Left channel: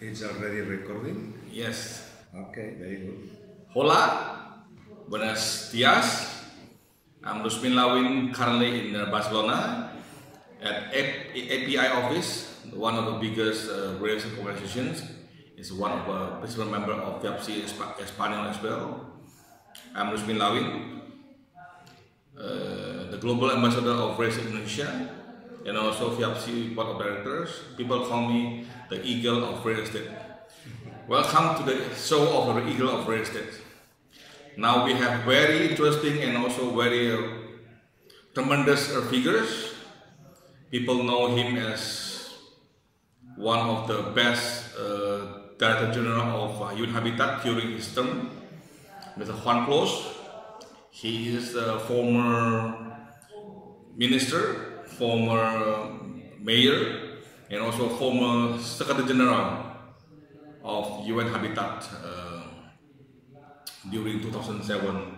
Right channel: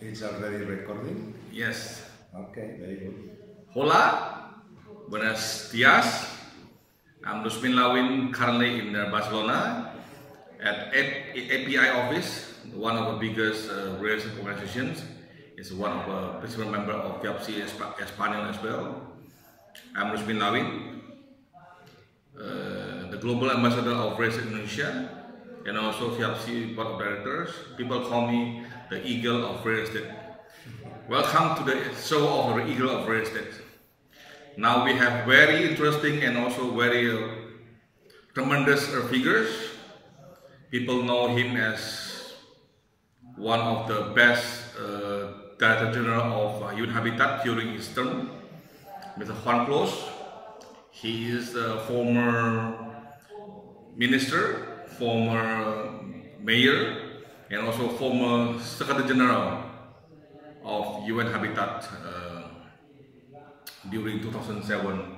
It's already recording? Yes. Okay, very good. Hola, buenos dias. I'm Rusmin Lawin, currently in Barcelona at API office, one of the biggest real estate organizations. It's one of the principal member of Barcelona Espana as well. I'm Rusmin Lawin, the global ambassador of real estate Indonesia, and also VAPC board of directors. People call me the eagle of real estate. Welcome to the show of the eagle of real estate. Now we have very interesting and also very tremendous figures. People know him as one of the best Director General of UN Habitat during his term, Dr.Juan Clos. He is a former minister, former mayor, and also former Secretary General of UN Habitat during 2007,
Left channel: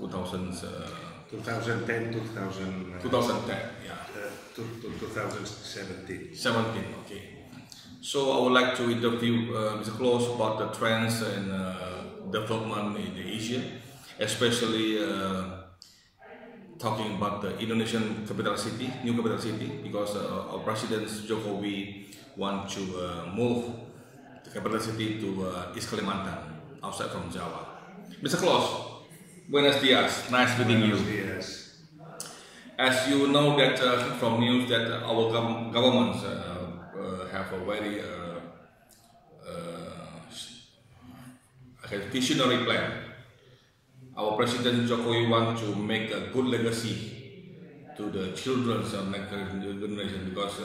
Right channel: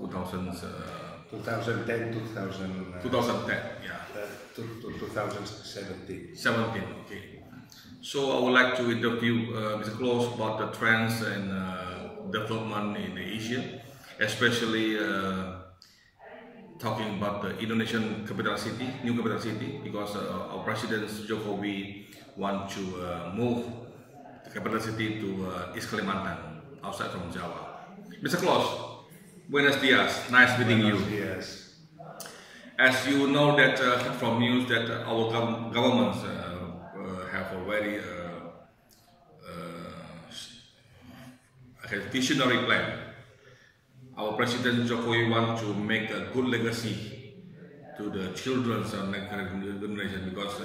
2010, 2017. 17, okay. So I would like to interview Mr. Clos about the trends and development in Asia, especially talking about the Indonesian capital city, new capital city, because our President Jokowi want to move the capital city to East Kalimantan, outside from Java. Mr. Clos, buenos dias, nice meeting you. Dias. As you know that from news that our governments have a very visionary plan. Our President Jokowi want to make a good legacy to the children's next generation, because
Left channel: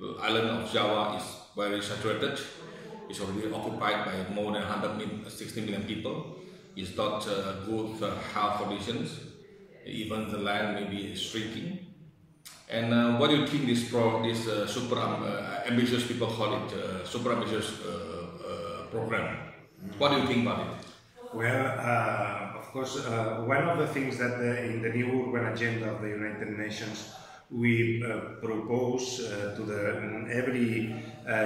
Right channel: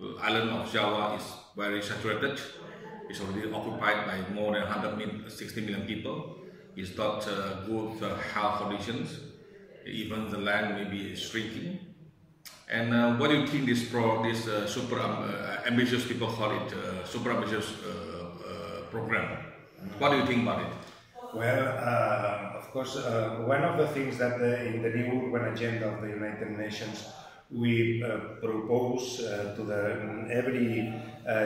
the island of Java is very saturated. It's already occupied by more than 160 million people. It's not good health conditions. Even the land may be shrinking. And what do you think this super ambitious, people call it super ambitious program? What do you think about it? Well, of course, one of the things that in the new urban agenda of the United Nations we propose to every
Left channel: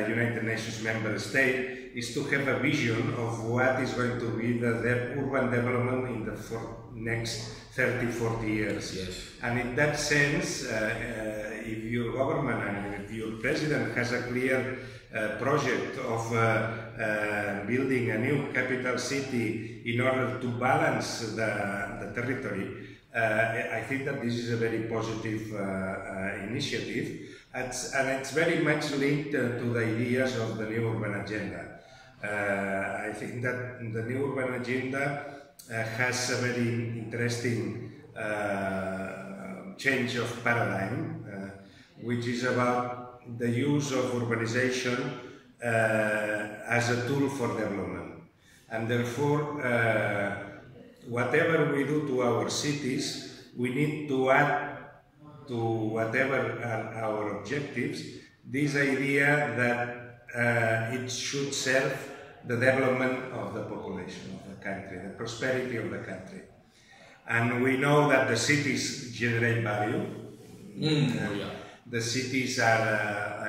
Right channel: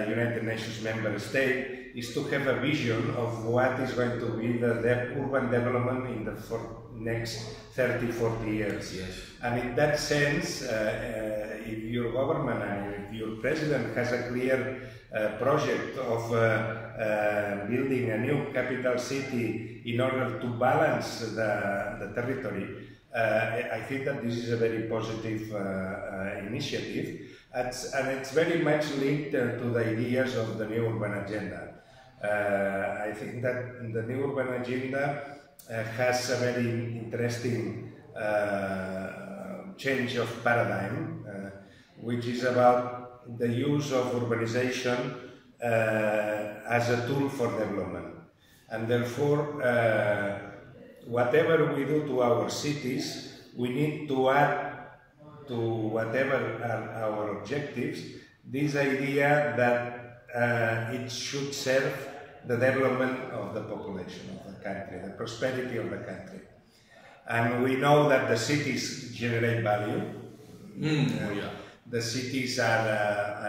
United Nations member state is to have a vision of what is going to be the urban development in the next 30-40 years. Yes. And in that sense, if your government and if your president has a clear project of building a new capital city in order to balance the territory, I think that this is a very positive initiative, and it's very much linked to the ideas of the new urban agenda. I think that the new urban agenda has a very interesting change of paradigm, which is about the use of urbanization as a tool for development. And therefore, whatever we do to our cities, we need to add to whatever are our objectives this idea that it should serve the development of the population of the country, the prosperity of the country. And we know that the cities generate value. The cities are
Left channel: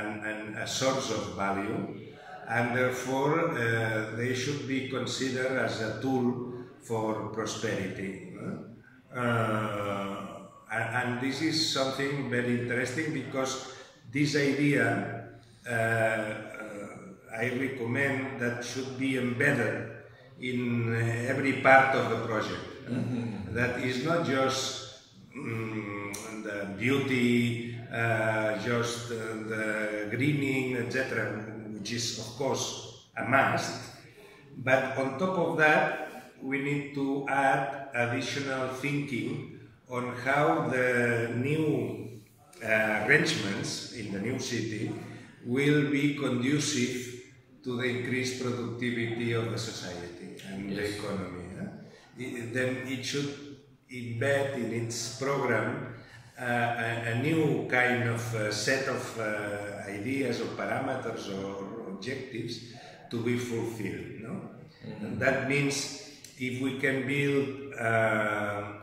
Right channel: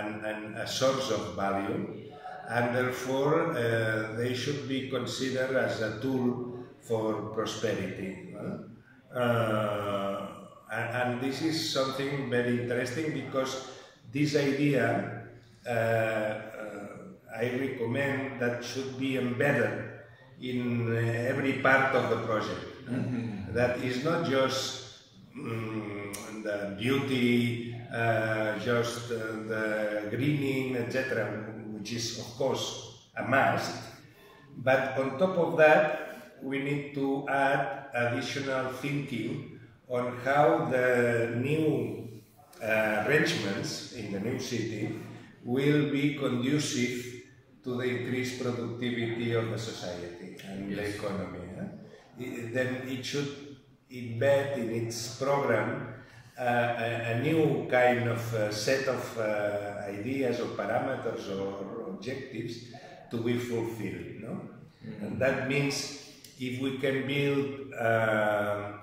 a source of value, and therefore they should be considered as a tool for prosperity. And this is something very interesting, because this idea I recommend that should be embedded in every part of the project. That is not just the beauty, just the greening, etc., which is of course a must, but on top of that we need to add additional thinking on how the new arrangements in the new city will be conducive to the increased productivity of the society and the economy. Then it should embed in its program a new kind of set of ideas or parameters or objectives to be fulfilled. And that means if we can build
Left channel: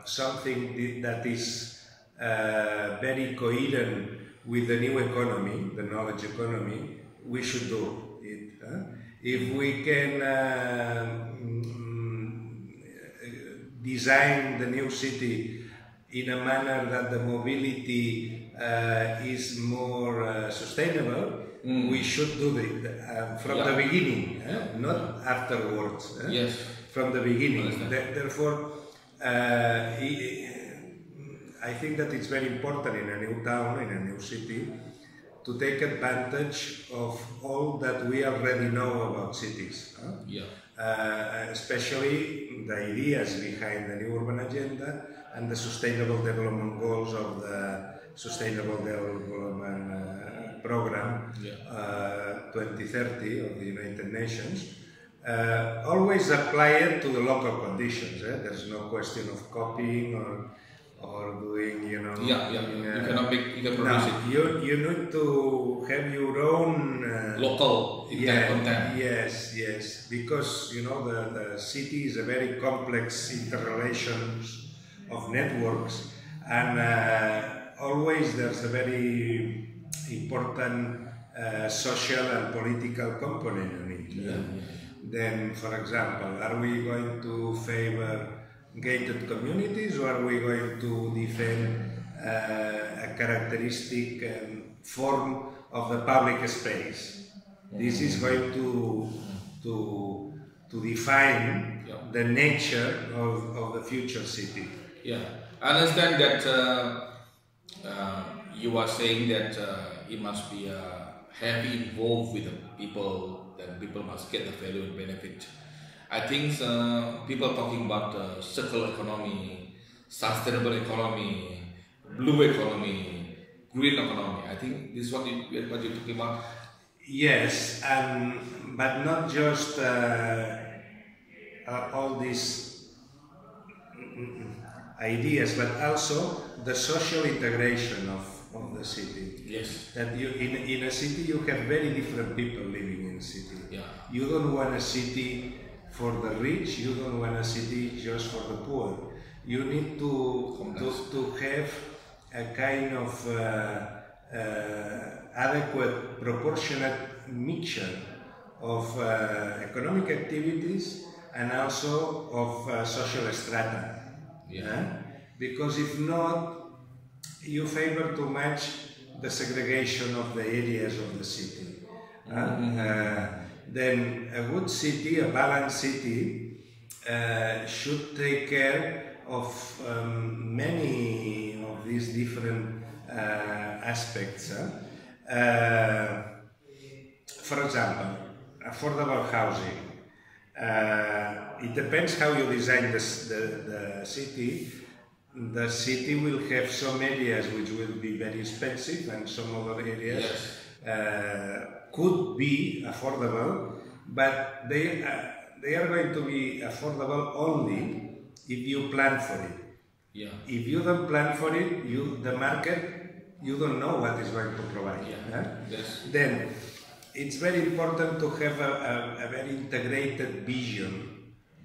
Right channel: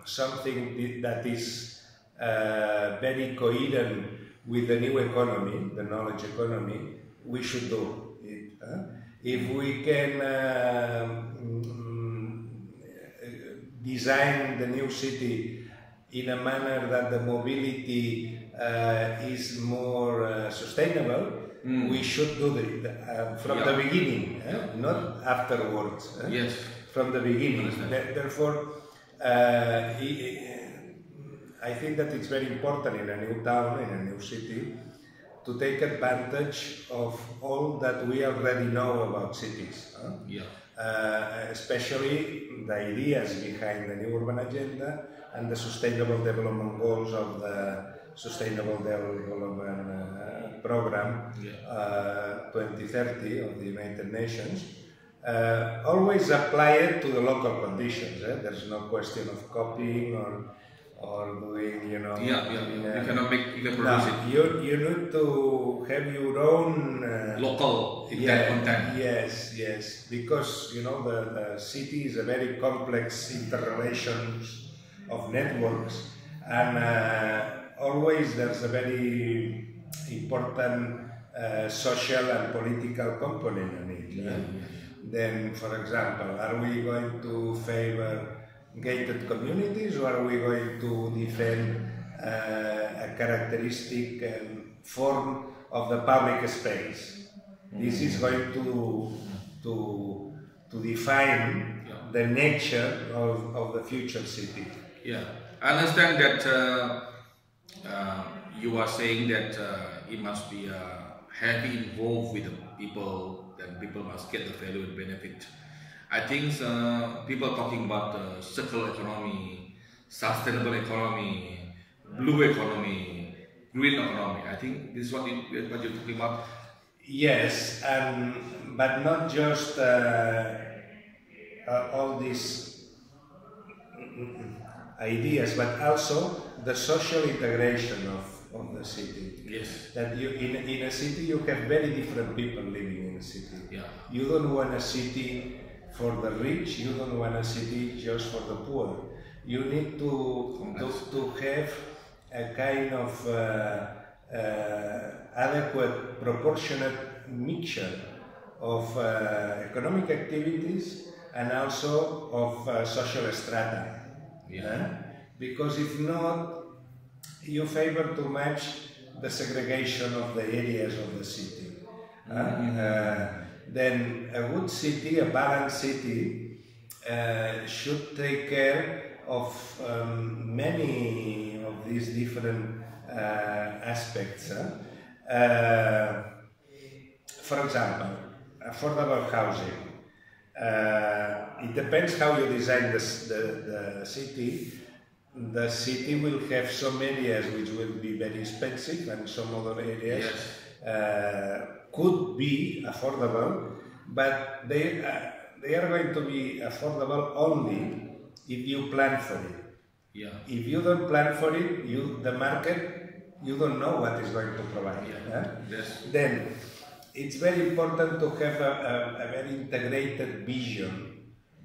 something that is very coherent with the new economy, the knowledge economy, we should do. If we can design the new city in a manner that the mobility is more sustainable, we should do it from the beginning, not afterwards. Yes. From the beginning. Therefore, I think that it's very important in a new town, in a new city, to take advantage of all that we already know about cities. Especially the ideas behind the new urban agenda and the sustainable development goals of the Sustainable Development Program 2030 of the United Nations. Always apply it to the local conditions. There's no question of copying or doing, you know. You cannot make, you can produce it. You need to have your own local content. Yes, because you know the city is a very complex interrelations of networks, and always there's a very important social and political component in it. Then, for example, are we going to favor gated communities, or are we going to defend a characteristic form of the public space? This is going to define the nature of the future city. I understand that you are saying that it must be heavily involved with the people, and people must get the value and benefit. I think people talking about circular economy, sustainable economy, blue economy, green economy. I think this is what you're talking about. Yes, but not just all these ideas, but also the social integration of the city. Yes. That you in a city you have very different people living in a city. You don't want a city for the rich, you don't want a city just for the poor. You need to have a kind of adequate, proportionate mixture of economic activities and also of social strata. Because if not, you favor too much the segregation of the areas of the city. Then a good city, a balanced city, should take care of many of these different aspects. For example, affordable housing. It depends how you design the city. The city will have some areas which will be very expensive, and some other areas could be affordable, but they are going to be affordable only if you plan for it. If you don't plan for it, the market, you don't know what is going to provide. Then it's very important to have a very integrated vision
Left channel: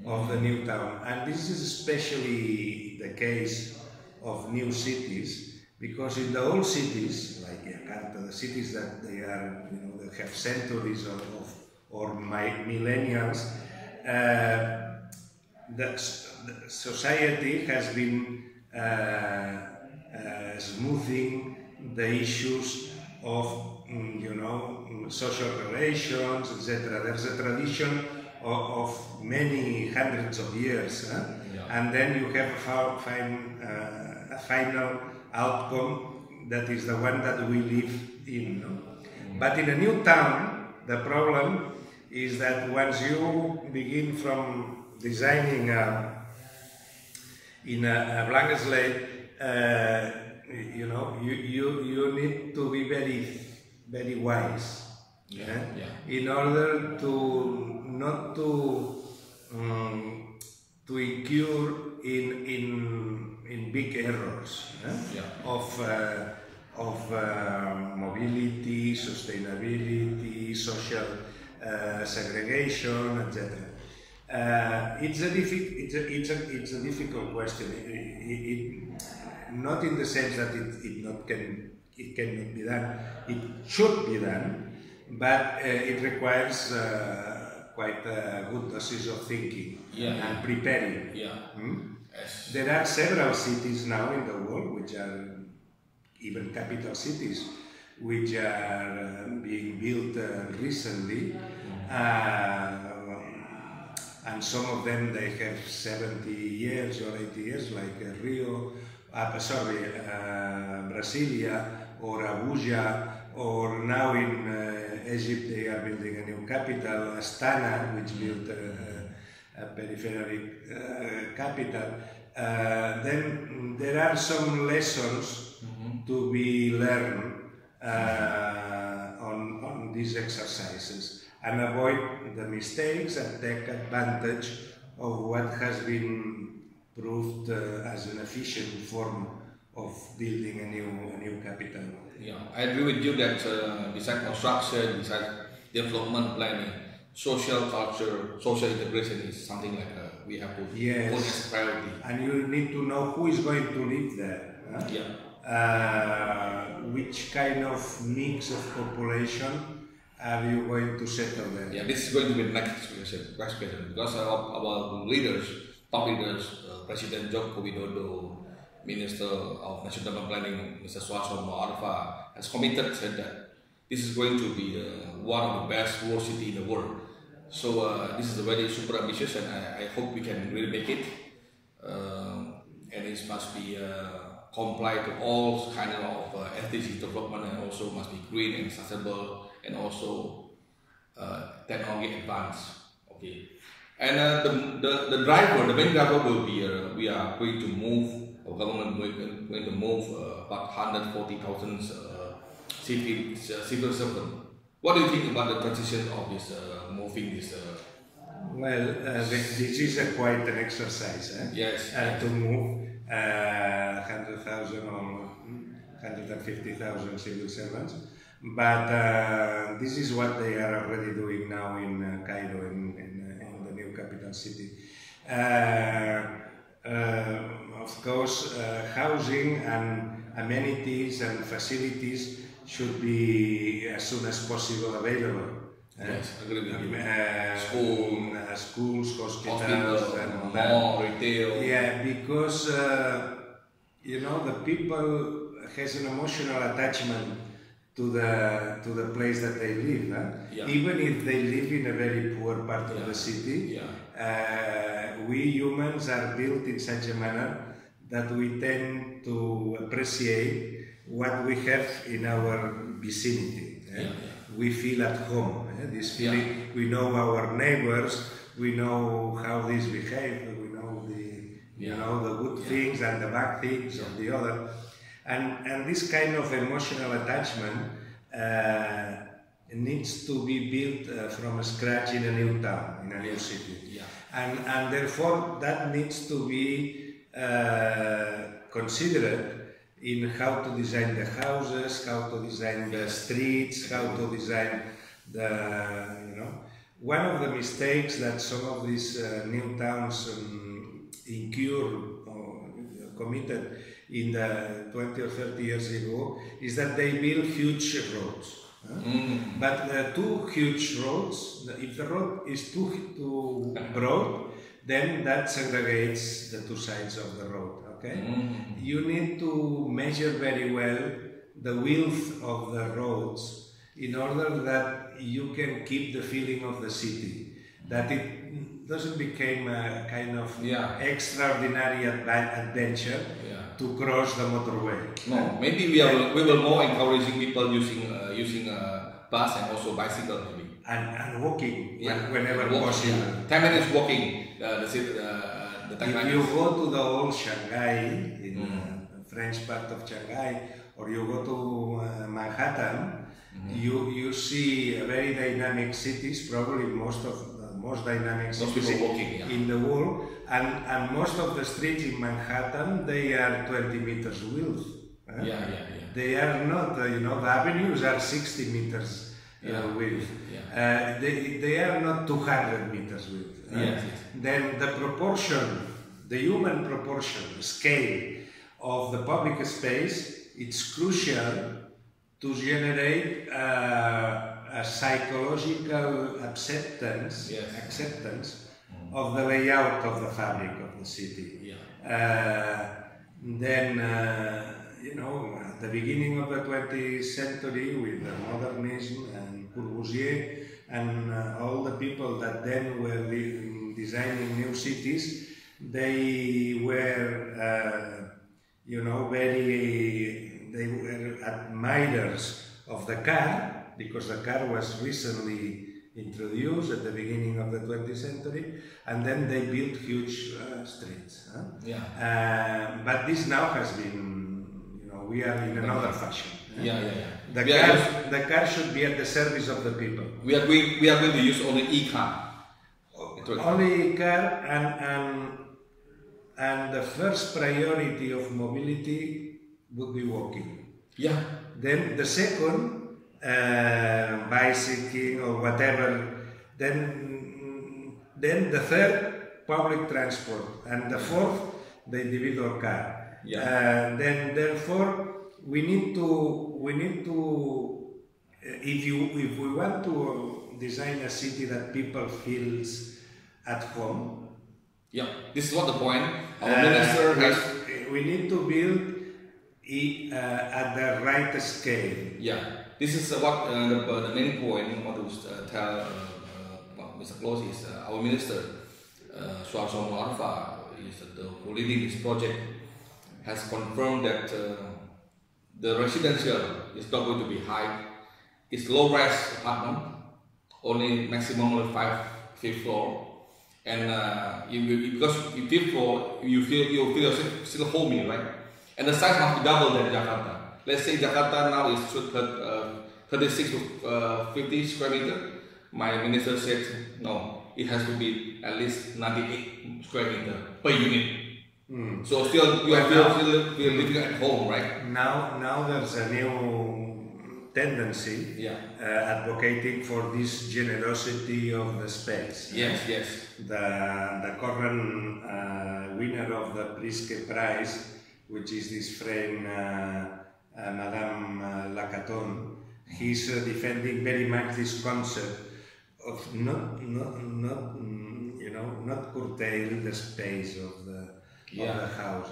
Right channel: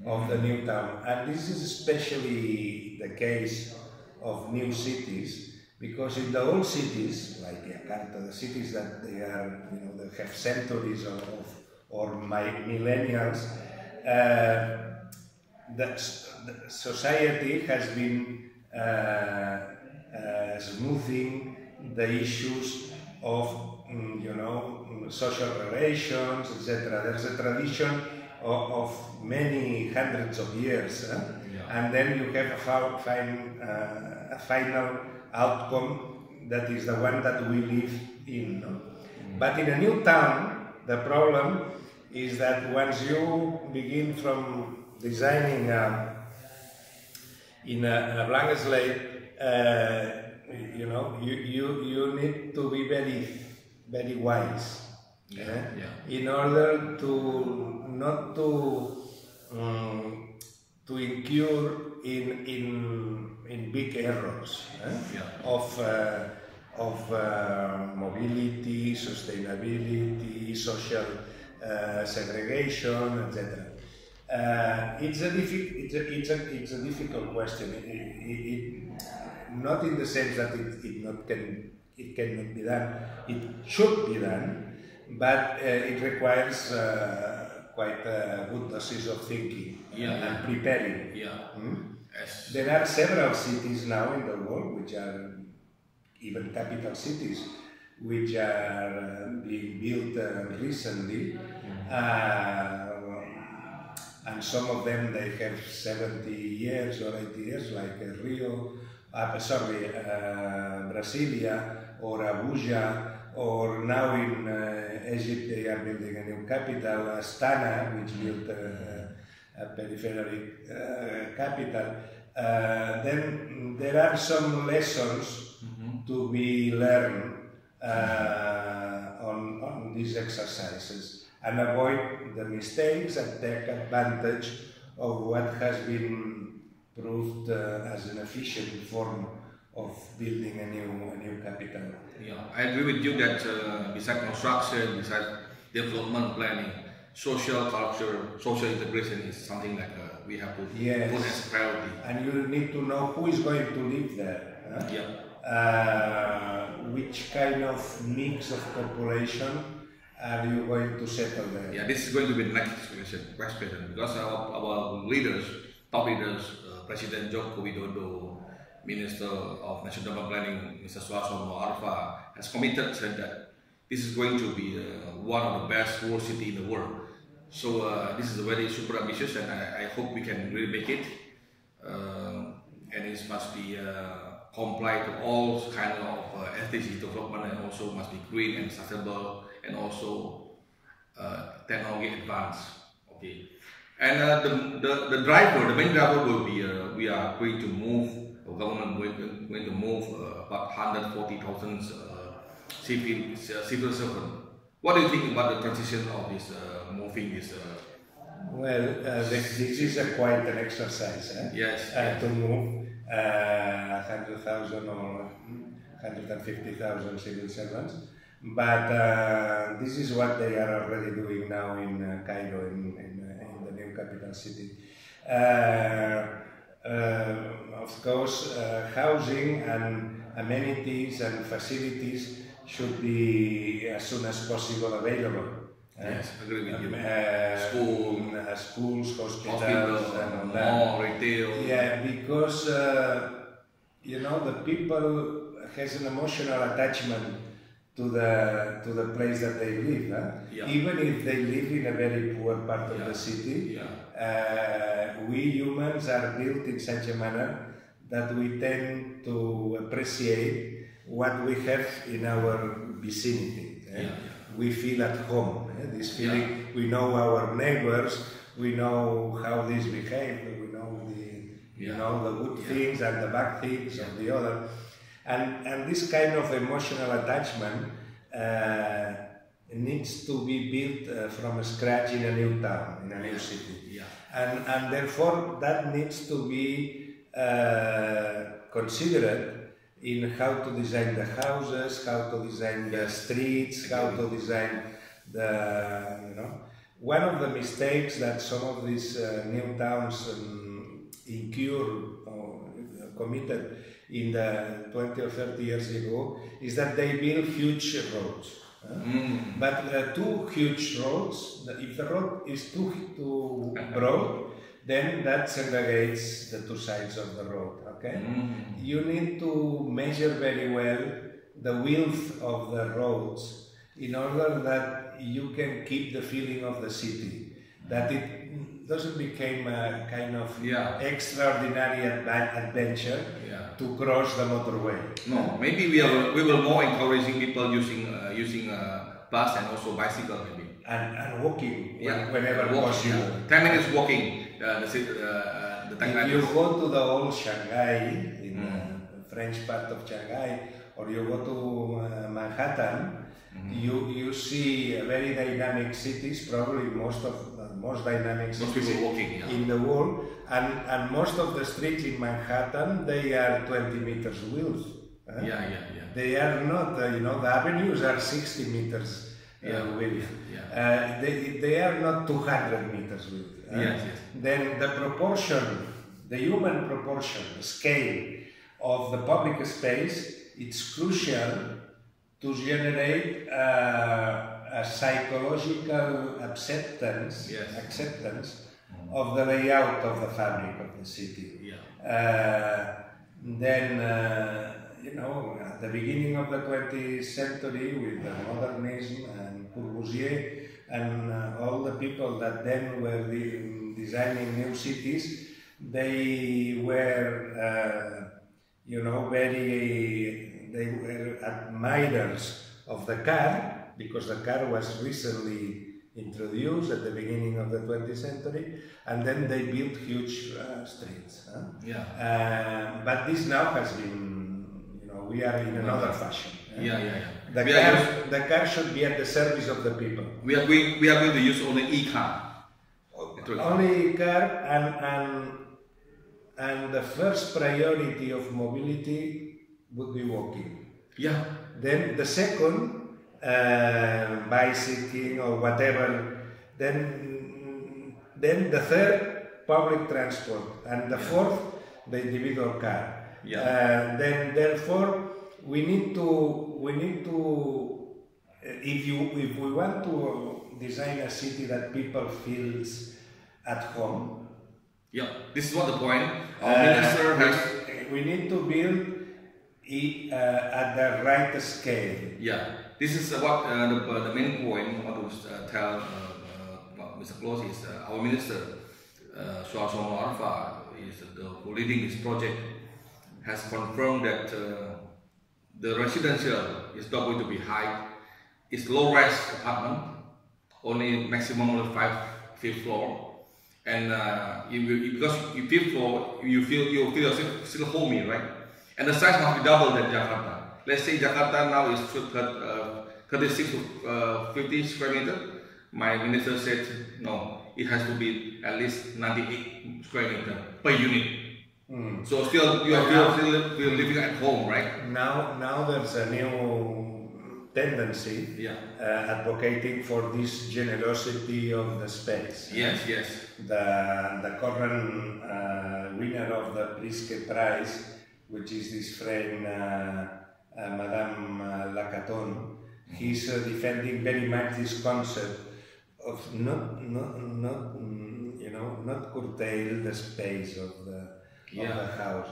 of the new town, and this is especially the case of new cities, because in the old cities like Jakarta, the cities that they are, they have centuries or millennials, the society has been smoothing the issues of social relations, etc. There's a tradition of many hundreds of years, and then you have a final outcome that is the one that we live in. But in a new town, the problem is that once you begin from designing in a blank slate, you need to be very wise. In order to not to incur in big errors of mobility, sustainability, social segregation, etc. It's a difficult question. Not in the sense that it cannot be done. It should be done. but it requires quite a good doses of thinking and preparing. Yes. There are several cities now in the world which are even capital cities which are being built recently, and some of them they have 70 years or 80 years, like Rio, Brasilia or Abuja, or now in Egypt they are building a new capital, Astana, which built a peripheral capital. Then there are some lessons to be learned on these exercises, and avoid the mistakes and take advantage of what has been proved as an efficient form of building a new capital. Yeah, I agree with you that besides construction, besides development planning, social culture, social integration is something like we have to put as a priority. And you need to know who is going to live there. Which kind of mix of population are you going to settle there? Yeah, this is going to be the next question, because our leaders, top leaders, President Joko Widodo, Minister of National Development Planning, Mr. Suharsono Arfa, has committed, said that this is going to be one of the best world city in the world. So this is very super ambitious, and I hope we can really make it. And it must be comply to all kind of SDG development, and also must be green and sustainable, and also technology advanced. Okay. And the main driver will be we are going to move. Our government going to move about 140,000 civil servants. What do you think about the transition of this moving this? Well, this is quite an exercise. Yes. To move 100,000 or 150,000 civil servants, but this is what they are already doing now in Cairo, in the new capital city. Of course, housing and amenities and facilities should be as soon as possible available. Yes, agree with you. Schools, hospitals, and all that. Retail. Yeah, because the people has an emotional attachment to the place that they live. Even if they live in a very poor part of the city. We humans are built in such a manner that we tend to appreciate what we have in our vicinity. We feel at home. This feeling, we know our neighbors, we know how these behave, we know the good things and the bad things of the other, and this kind of emotional attachment needs to be built from scratch in a new town, in a new city. And therefore that needs to be considered in how to design the houses, how to design the streets, how to design One of the mistakes that some of these new towns committed in the 20 or 30 years ago is that they build huge roads. But two huge roads, if the road is too broad, then that segregates the two sides of the road. Okay, you need to measure very well the width of the roads in order that you can keep the feeling of the city, that it doesn't become a kind of extraordinary adventure to cross the motorway. No, maybe we will more encouraging people using bus and also bicycle maybe. And walking whenever possible. 10 minutes walking. If you go to the old Shanghai, in the French part of Shanghai, or you go to Manhattan, you see very dynamic cities, probably most dynamic cities in the world, and most of the streets in Manhattan, they are 20 meters width. They are not, the avenues are 60 meters width. They are not 200 meters width. Then the human proportion, the scale of the public space, it's crucial to generate a a psychological acceptance, Yes. acceptance of the layout of the fabric of the city. Yeah. Then, you know, at the beginning of the 20th century with the modernism and Corbusier and all the people that then were designing new cities, they were, you know, they were admirers of the car, because the car was recently introduced at the beginning of the 20th century, and then they built huge streets. Yeah. But this now has been, you know, we are in another fashion. Yeah. The car should be at the service of the people. We are going to use only e-car. Only e-car, and the first priority of mobility would be walking. Yeah. Then the second, bicycling or whatever. Then the third, public transport, and the fourth, the individual car. Yeah. Then therefore we need to if we want to design a city that people feels at home. Yeah. This is what the point. Our minister has. We need to build it at the right scale. Yeah. This is what the main point I want to tell Mr. Clos is our minister, Suharsono Arfa, who leading this project, has confirmed that the residential is not going to be high. It's low-rise apartment, only maximum 5th floor, and because you 5th floor, you feel yourself still homey, right? And the size must be double than Jakarta. Let's say Jakarta now is 36 to 50 square meter. My minister said no, it has to be at least 98 square meter per unit. So still you are still living at home, right? Now there's a new tendency advocating for this generosity of the space. Yes. The current winner of the Pritzker Prize, which is this friend Madame Lacaton, he's defending very much this concept of not curtail the space of the house,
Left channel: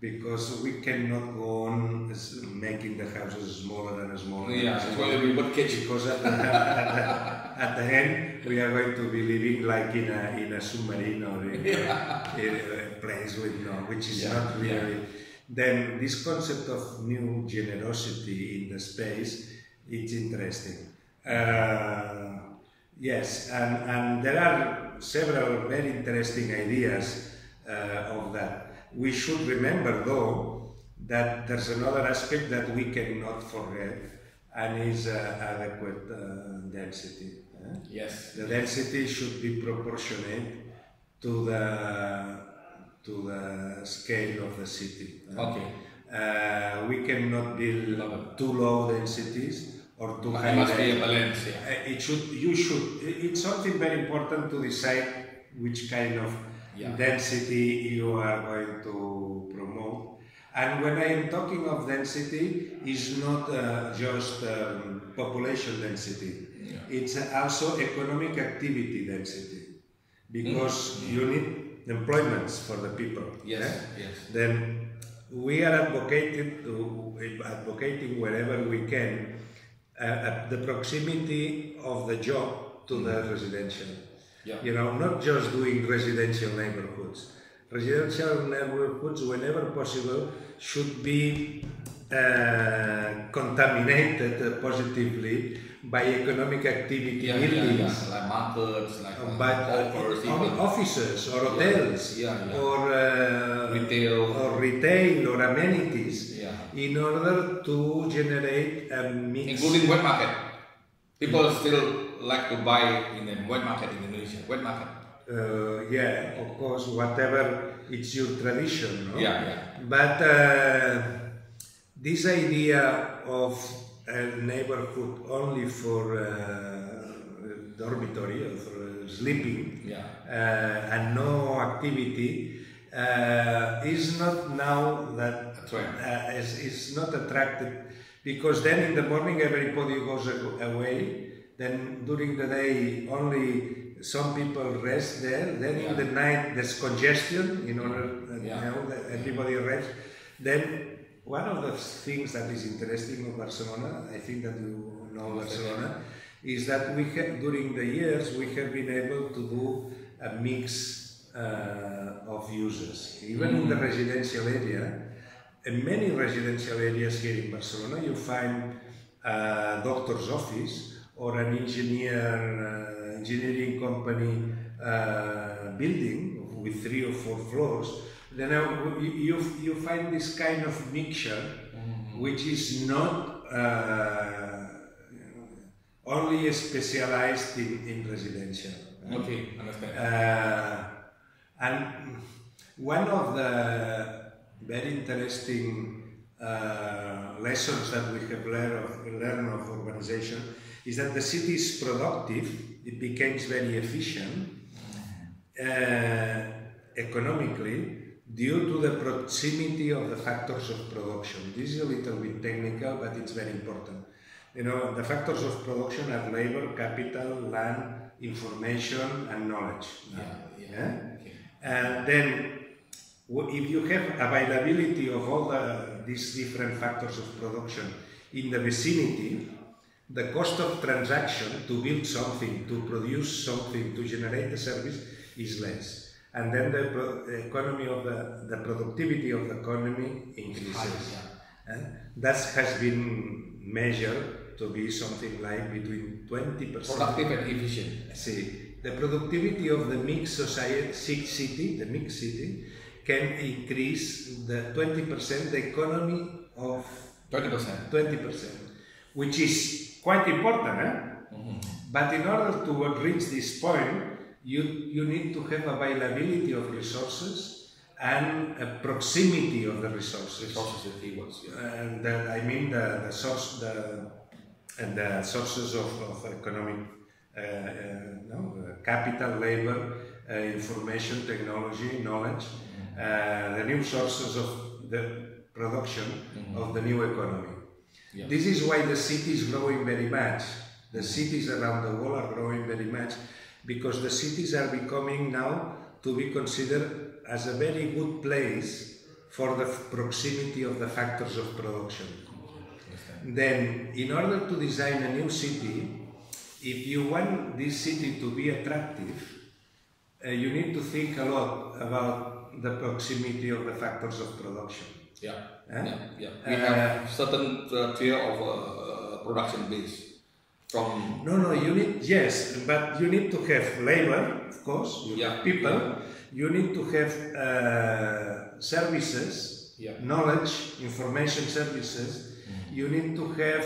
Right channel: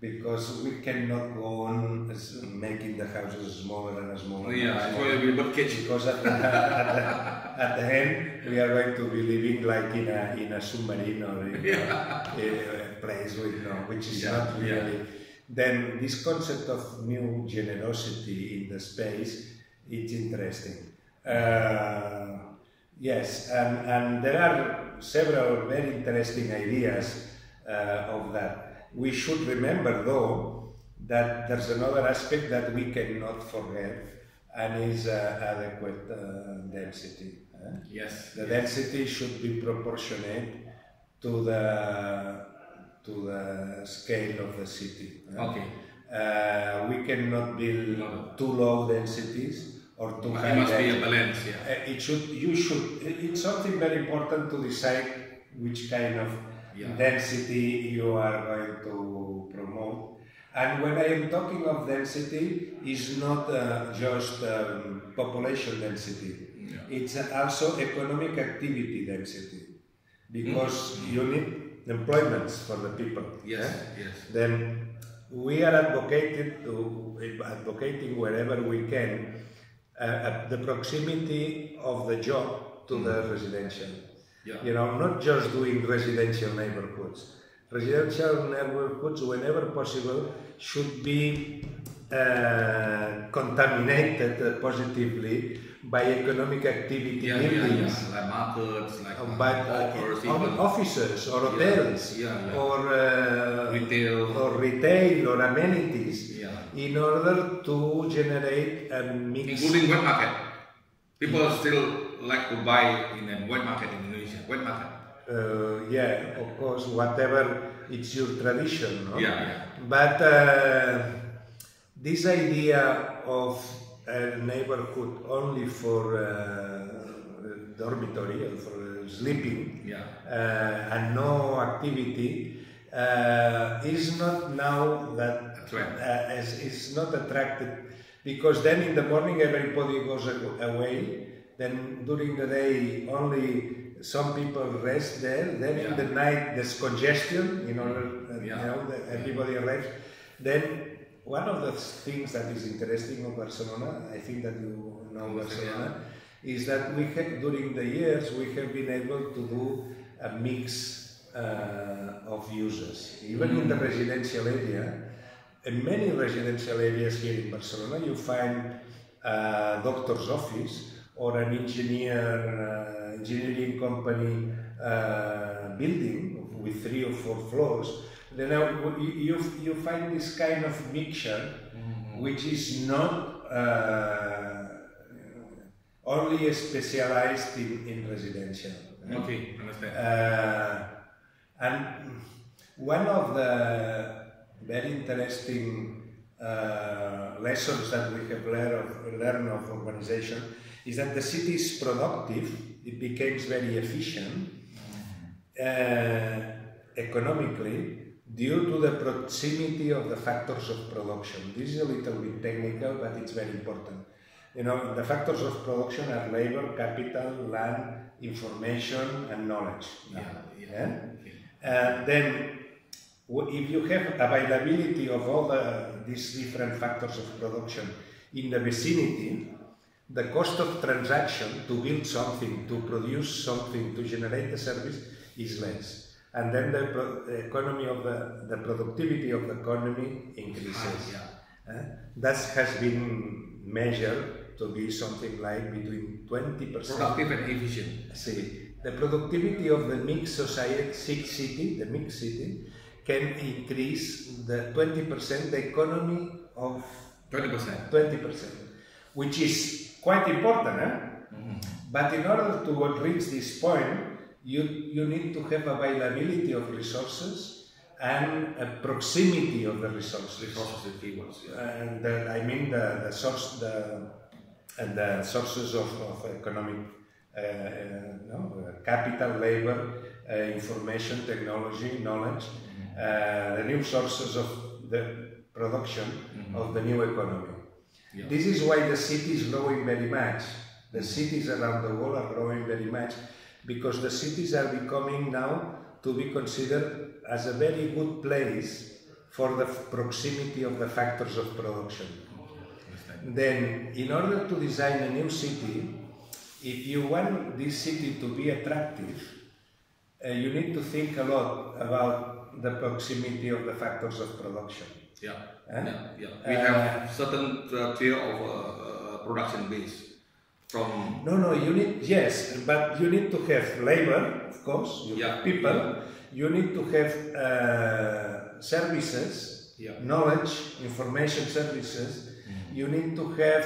because we cannot go on making the houses smaller and smaller. Because at the end we are going to be living like in a submarine or in a place which is not really. Then this concept of new generosity in the space, it's interesting. Yes, and there are several very interesting ideas of that. We should remember, though, that there's another aspect that we cannot forget, and is adequate density. Yes. The density should be proportionate to the scale of the city. Okay. We cannot build too low densities or too high. It must be a balance. It's something very important to decide which kind of density you are going to promote. And when I am talking of density, it's not just population density. It's also economic activity density, because you need employments for the people. Yes. Then we are advocating wherever we can the proximity of the job to the residential. You know, not just doing residential neighborhoods. Residential neighborhoods, whenever possible, should be contaminated positively by economic activity buildings, like markets, like offices or hotels, or retail or amenities, in order to generate a mix. Including wet market. People still like to buy in a wet market in Indonesia. Wet market. Of course, whatever it's your tradition, no? But this idea of a neighborhood only for dormitory or for sleeping and no activity is not now that is not attracted, because then in the morning everybody goes away then during the day only some people rest there, then in the night there's congestion in order that everybody rests. Then one of the things that is interesting of Barcelona, I think that you know Barcelona, is that we have, during the years we have been able to do a mix of uses. Even in the residential area, in many residential areas here in Barcelona, you find a doctor's office or an engineering company building with 3 or 4 floors. Then you find this kind of mixture, which is not only specialized in residential. Okay, understand. And one of the very interesting lessons that we have learned of urbanization is that the city is productive, it becomes very efficient economically due to the proximity of the factors of production. This is a little bit technical, but it's very important. You know, the factors of production are labor, capital, land, information, and knowledge. Then, if you have availability of all these different factors of production in the vicinity, the cost of transaction to build something, to produce something, to generate the service is less. And then the economy of the productivity of the economy increases. That has been measured to be something like between 20%. Productive and efficient. See, the productivity of the mixed city, can increase the 20%, the economy of 20%, which is quite important. But in order to reach this point, you need to have availability of resources and a proximity of the resources. And I mean the sources of economic capital, labor, information, technology, knowledge, the new sources of the production of the new economy. This is why the city is growing very much. The cities around the world are growing very much, because the cities are becoming now to be considered as a very good place for the proximity of the factors of production. Then, in order to design a new city, if you want this city to be attractive, you need to think a lot about the proximity of the factors of production. We have certain tier of production base. You need, but you need to have labor, of course, you have people, you need to have services, knowledge, information services, you need to have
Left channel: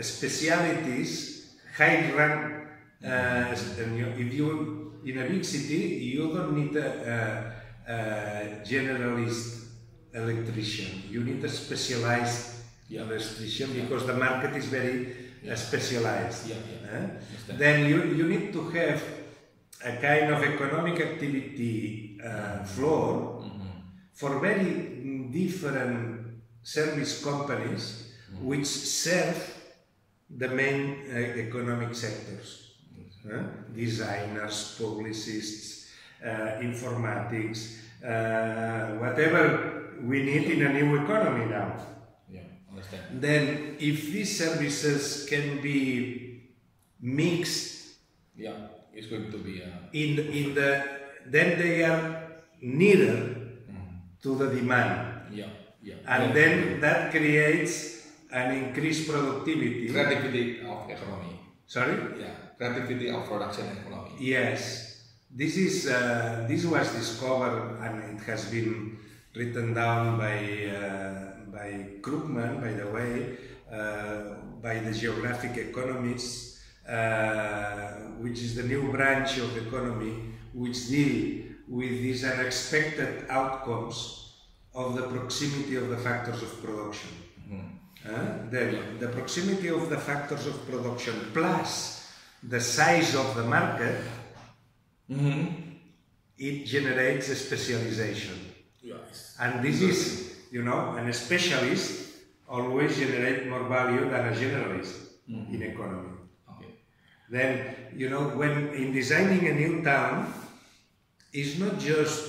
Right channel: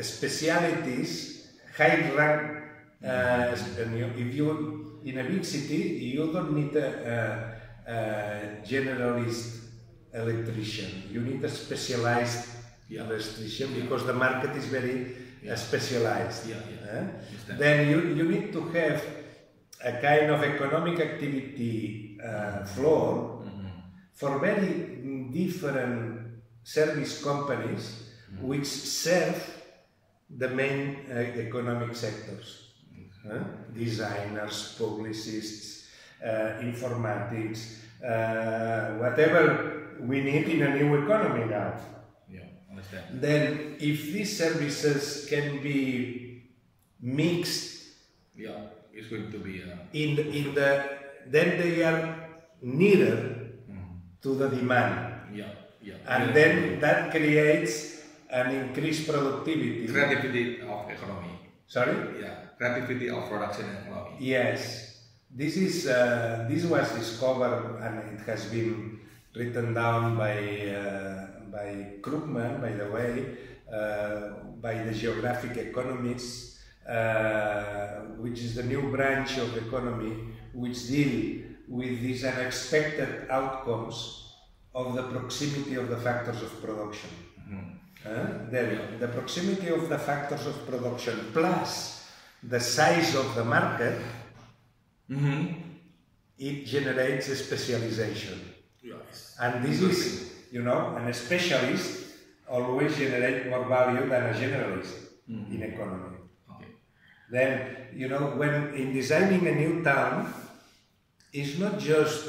specialities, high rank, if you, in a big city, you don't need a generalist electrician, you need a specialized electrician, because the market is very specialized. Then you need to have a kind of economic activity floor for very different service companies which serve the main economic sectors. Designers, publicists, informatics, whatever we need in a new economy now. Then, if these services can be mixed, it's going to be then they are nearer to the demand, and then that creates an increased productivity, creativity of economy. Sorry? Creativity of production economy. Yes, this was discovered, and it has been written down by Krugman, by the way, by the geographic economists, which is the new branch of economy which deal with these unexpected outcomes of the proximity of the factors of production. Then the proximity of the factors of production plus the size of the market, it generates a specialization. And this is, and a specialist always generates more value than a generalist. in economy. Okay. Then, you know, when in designing a new town, it's not just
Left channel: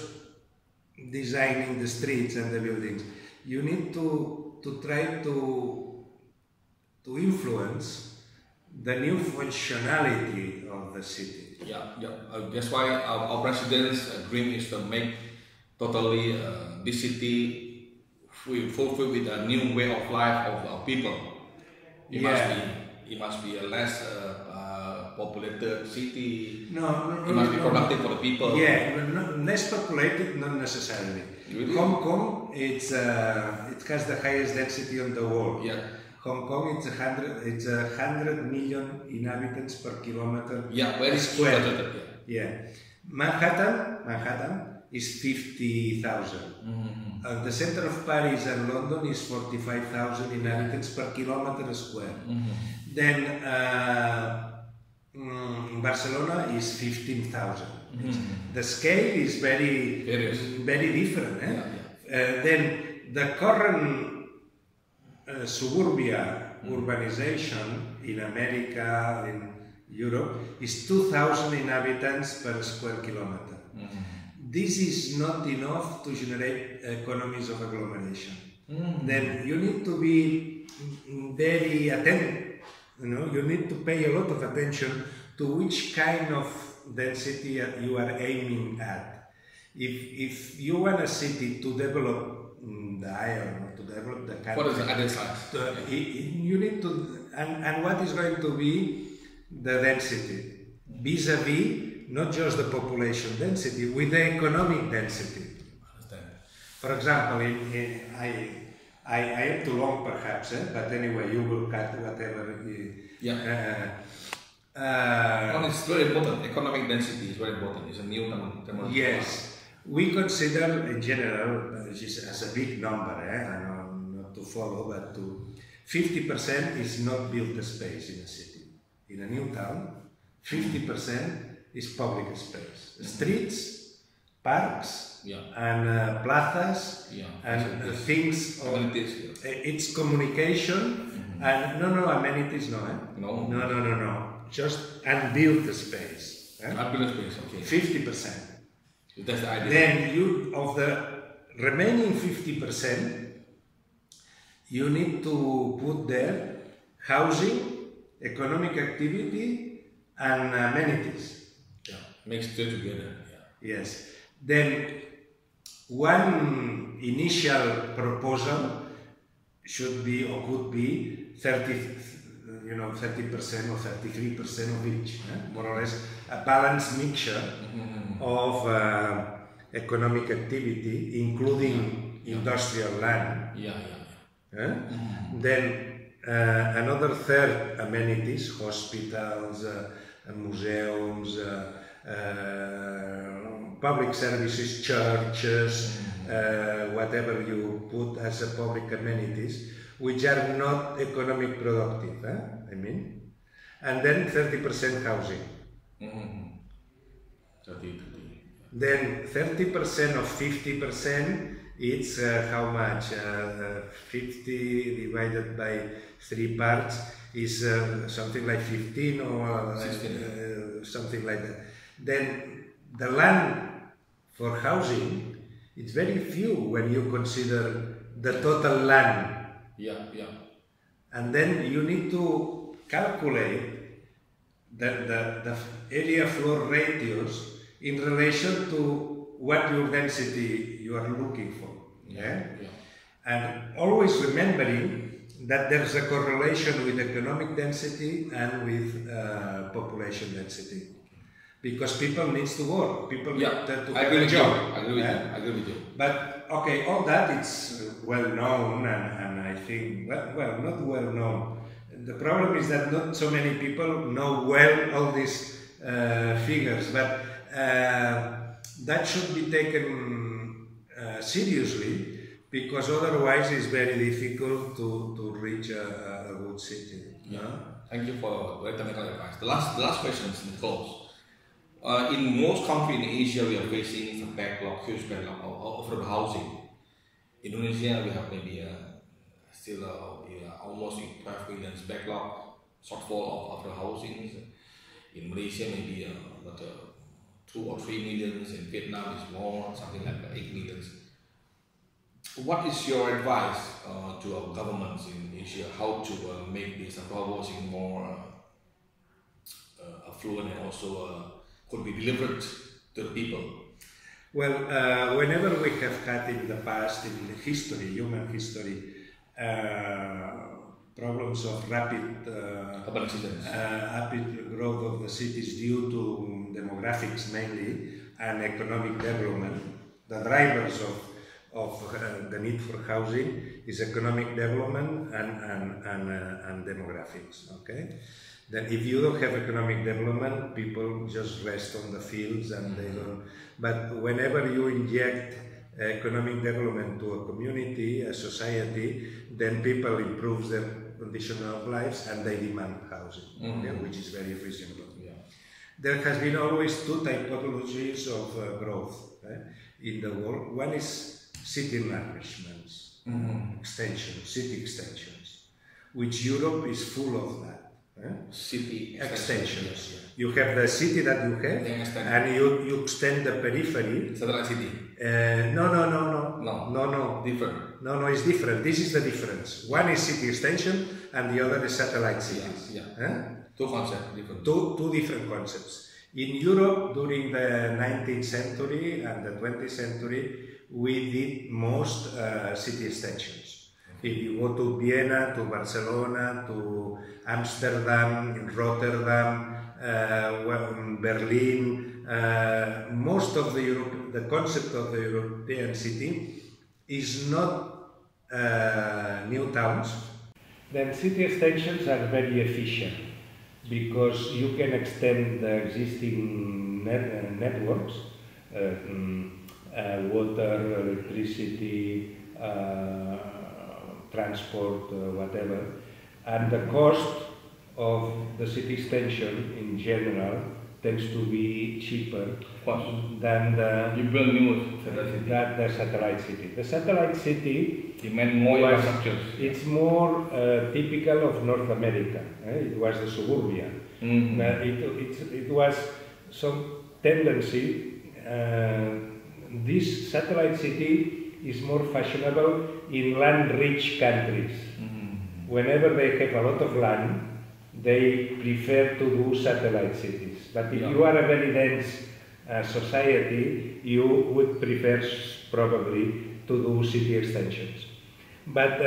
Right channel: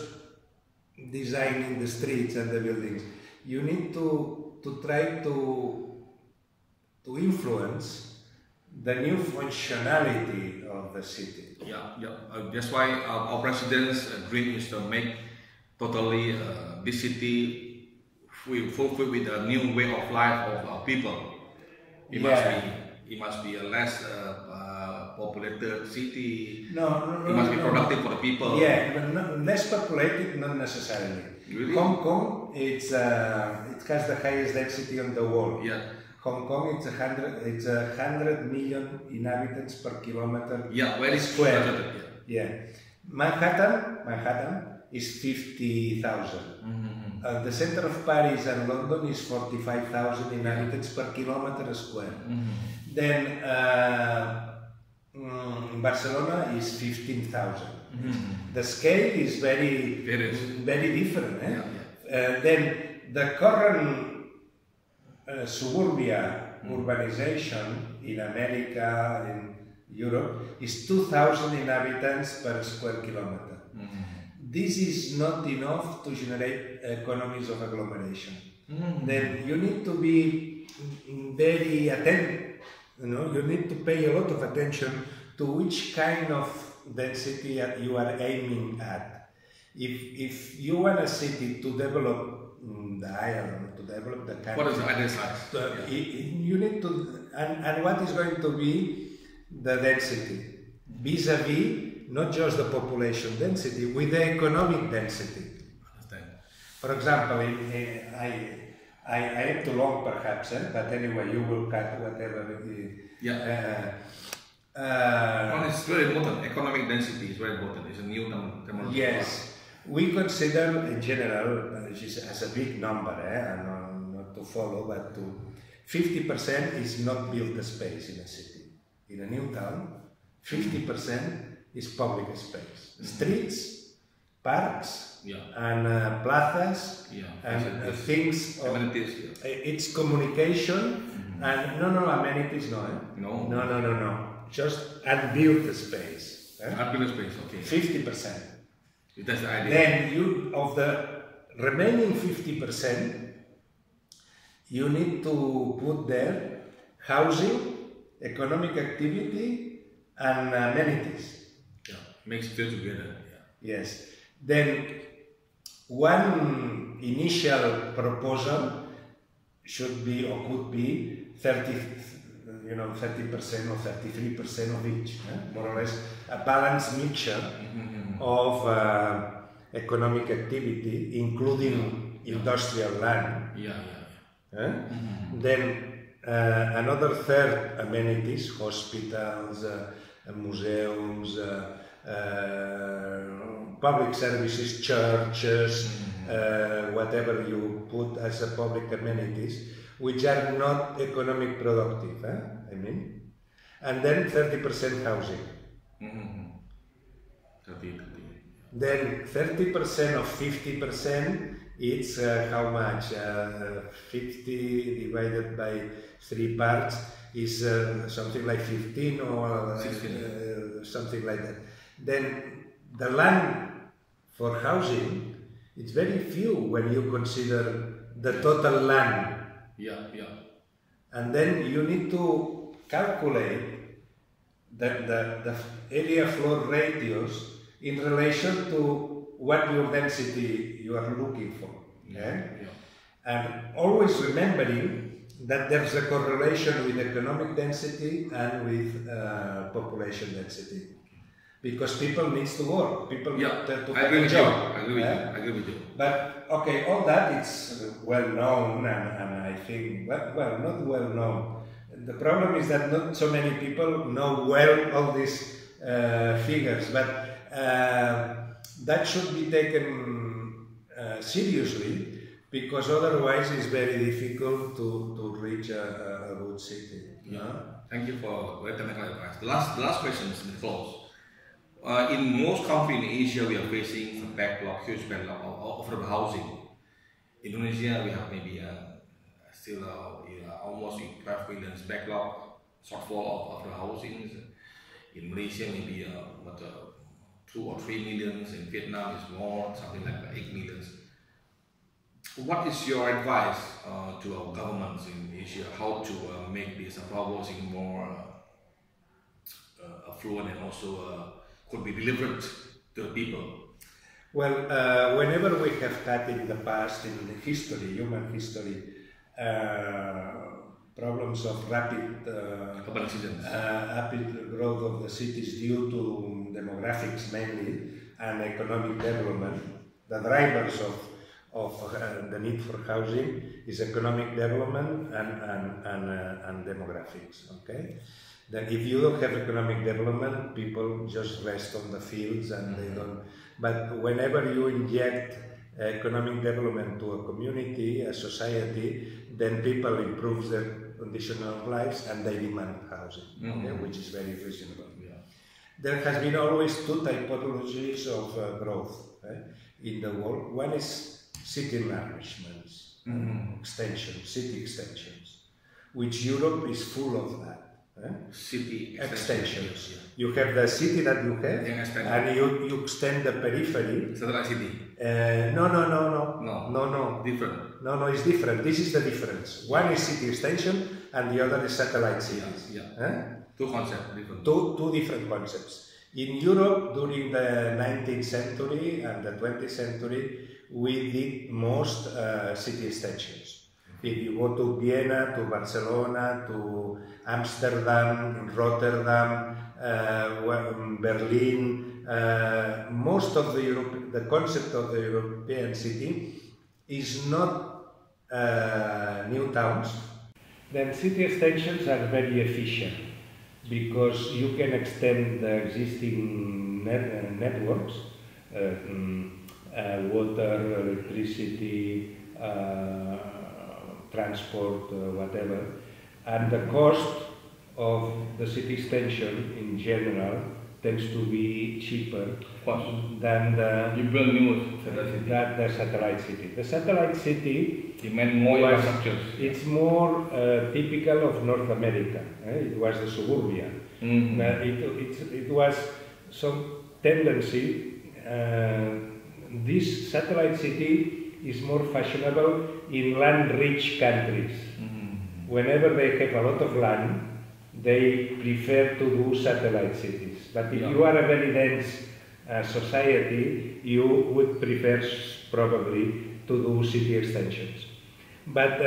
designing the streets and the buildings. You need to try to influence the new functionality of the city. Yeah. That's why our president's dream is to make totally this city fulfilled with a new way of life of our people. It must be a less populated city. No, it must be productive for the people. Yeah, but less populated, not necessarily. Really? Hong Kong, it has the highest density on the world. Yeah. Hong Kong, it's 100 million inhabitants per kilometer very square. Yeah. Manhattan is 50,000. The center of Paris and London is 45,000 inhabitants per kilometer square. Then Barcelona is 15,000. The scale is very different. Then the current suburbia urbanization in America, in Europe, is 2,000 inhabitants per square kilometer. This is not enough to generate economies of agglomeration. Then you need to be very attentive. You need to pay a lot of attention to which kind of density you are aiming at. If you want a city to develop the island, or to develop the country, what is the ideal size? You need to, and what is going to be the density vis-a-vis not just the population density, with the economic density. Understand. For example, I am too long perhaps, but anyway, you will cut whatever. It's very important. Economic density is very important. It's a new terminology. Yes, we consider in general as a big number, and not to follow, but 50% is not built space in a city. In a new town, 50% is public space, streets, parks, and plazas, and things. Amenities. It's communication, and no amenities, no. Just unbuilt space. Unbuilt space, okay. 50%. That's the idea. Then of the remaining 50%, you need to put there housing, economic activity, and amenities. Makes it together. Yes. Then one initial proposal should be or could be 30% or 33% of each, more or less a balanced mixture of economic activity, including industrial land. Then another third, amenities, hospitals, museums, public services, churches, whatever you put as a public amenities, which are not economic productive, and then 30% housing. Then 30% of 50%, it's how much? 50 divided by 3 parts is something like 15 or something like that. Then the land for housing, it's very few when you consider the total land. And then you need to calculate the area floor ratios in relation to what your density you are looking for. And always remembering that there's a correlation with economic density and with population density. Because people need to work, people need to have a job. I agree with you. But okay, all that it's well known, and I think, well, not well known. The problem is that not so many people know well all these figures, but that should be taken seriously, because otherwise it's very difficult to reach a good city. Thank you for very technical advice. The last question is close. In most countries in Asia, we are facing a backlog, huge backlog of housing. Indonesia, we have maybe still almost 12 million backlog. shortfall of the housing. In Malaysia, maybe 2 or 3 millions. In Vietnam, is more, something like 8 millions. What is your advice to our governments in Asia how to make this housing more affluent and also could be delivered to the people? Well, whenever we have had in the past, in history, human history, problems of rapid growth of the cities due to demographics mainly and economic development, the drivers of the need for housing is economic development and demographics. Okay, then if you don't have economic development, people just rest on the fields and they don't. But whenever you inject economic development to a community, a society, then people improve their condition of lives and they demand housing, okay, which is very reasonable. Yeah. There has been always two typologies of growth in the world. One is city enlargements, city extensions, which Europe is full of that. City extensions. You have the city that you have, and you extend the periphery. Satellite city. No. Different. No, it's different. This is the difference. One is city extension, and the other is satellite cities. Yeah. Two concepts. Different. Two different concepts. In Europe, during the 19th century and the 20th century, we did most city extensions. If you go to Vienna, to Barcelona, to Amsterdam, Rotterdam, Berlin, most of the concept of the European city is not new towns. Then city extensions are very efficient because you can extend the existing networks, water, electricity, transport, whatever, and the cost of the city extension in general tends to be cheaper than the satellite city. The satellite city demand more infrastructure. It's more typical of North America. It was the suburbia. It was some tendency. This satellite city is more fashionable in land-rich countries. Whenever they have a lot of land, they prefer to do satellite cities. But if you are a very dense society, you would prefer probably to do city extensions. But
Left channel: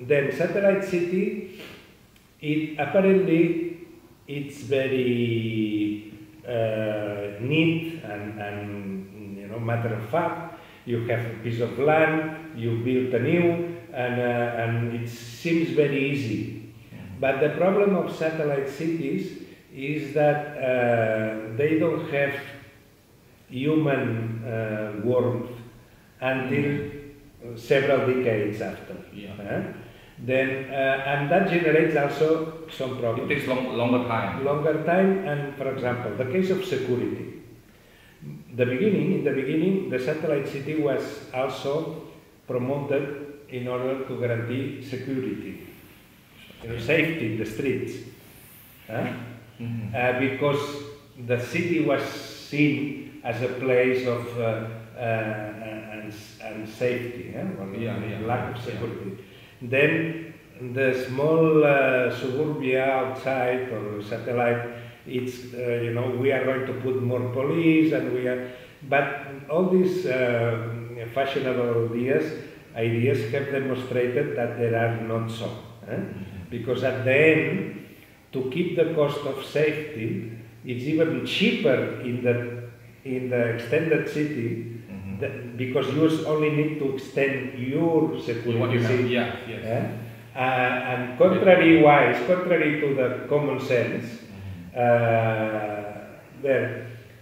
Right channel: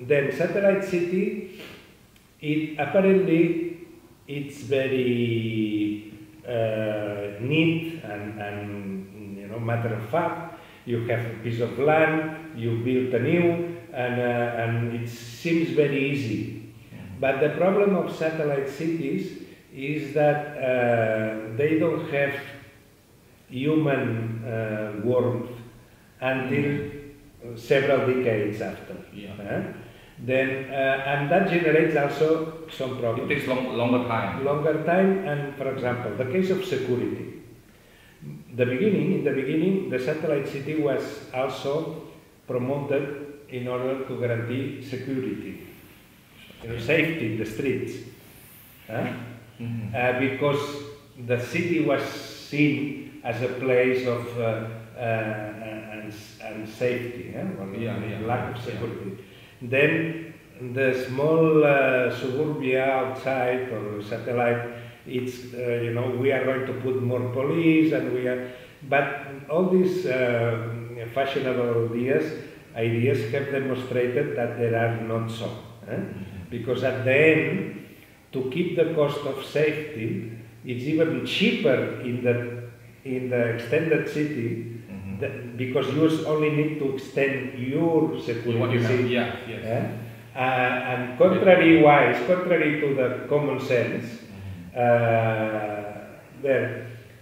then satellite city, apparently it's very neat and matter of fact. You have a piece of land, you build a new, and it seems very easy. But the problem of satellite cities is that they don't have human warmth until several decades after. Then, and that generates also some problems. It takes longer time. Longer time, and for example, the case of security. In the beginning, the satellite city was also promoted in order to guarantee security, safety in the streets, because the city was seen as a place of unsafety, lack of security. Then the small suburbia outside or satellite, it's we are going to put more police, and but all these fashionable ideas have demonstrated that they are not so, because at the end, to keep the cost of safety, it's even cheaper in the extended city, because you only need to extend your security. And contrary to the common sense.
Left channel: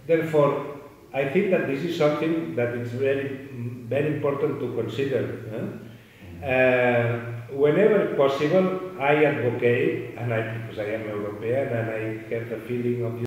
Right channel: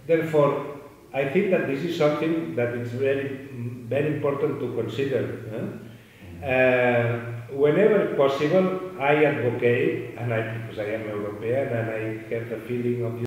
Therefore, I think that this is something that is very, very important to consider. Whenever possible, I advocate, because I am European and I have the feeling of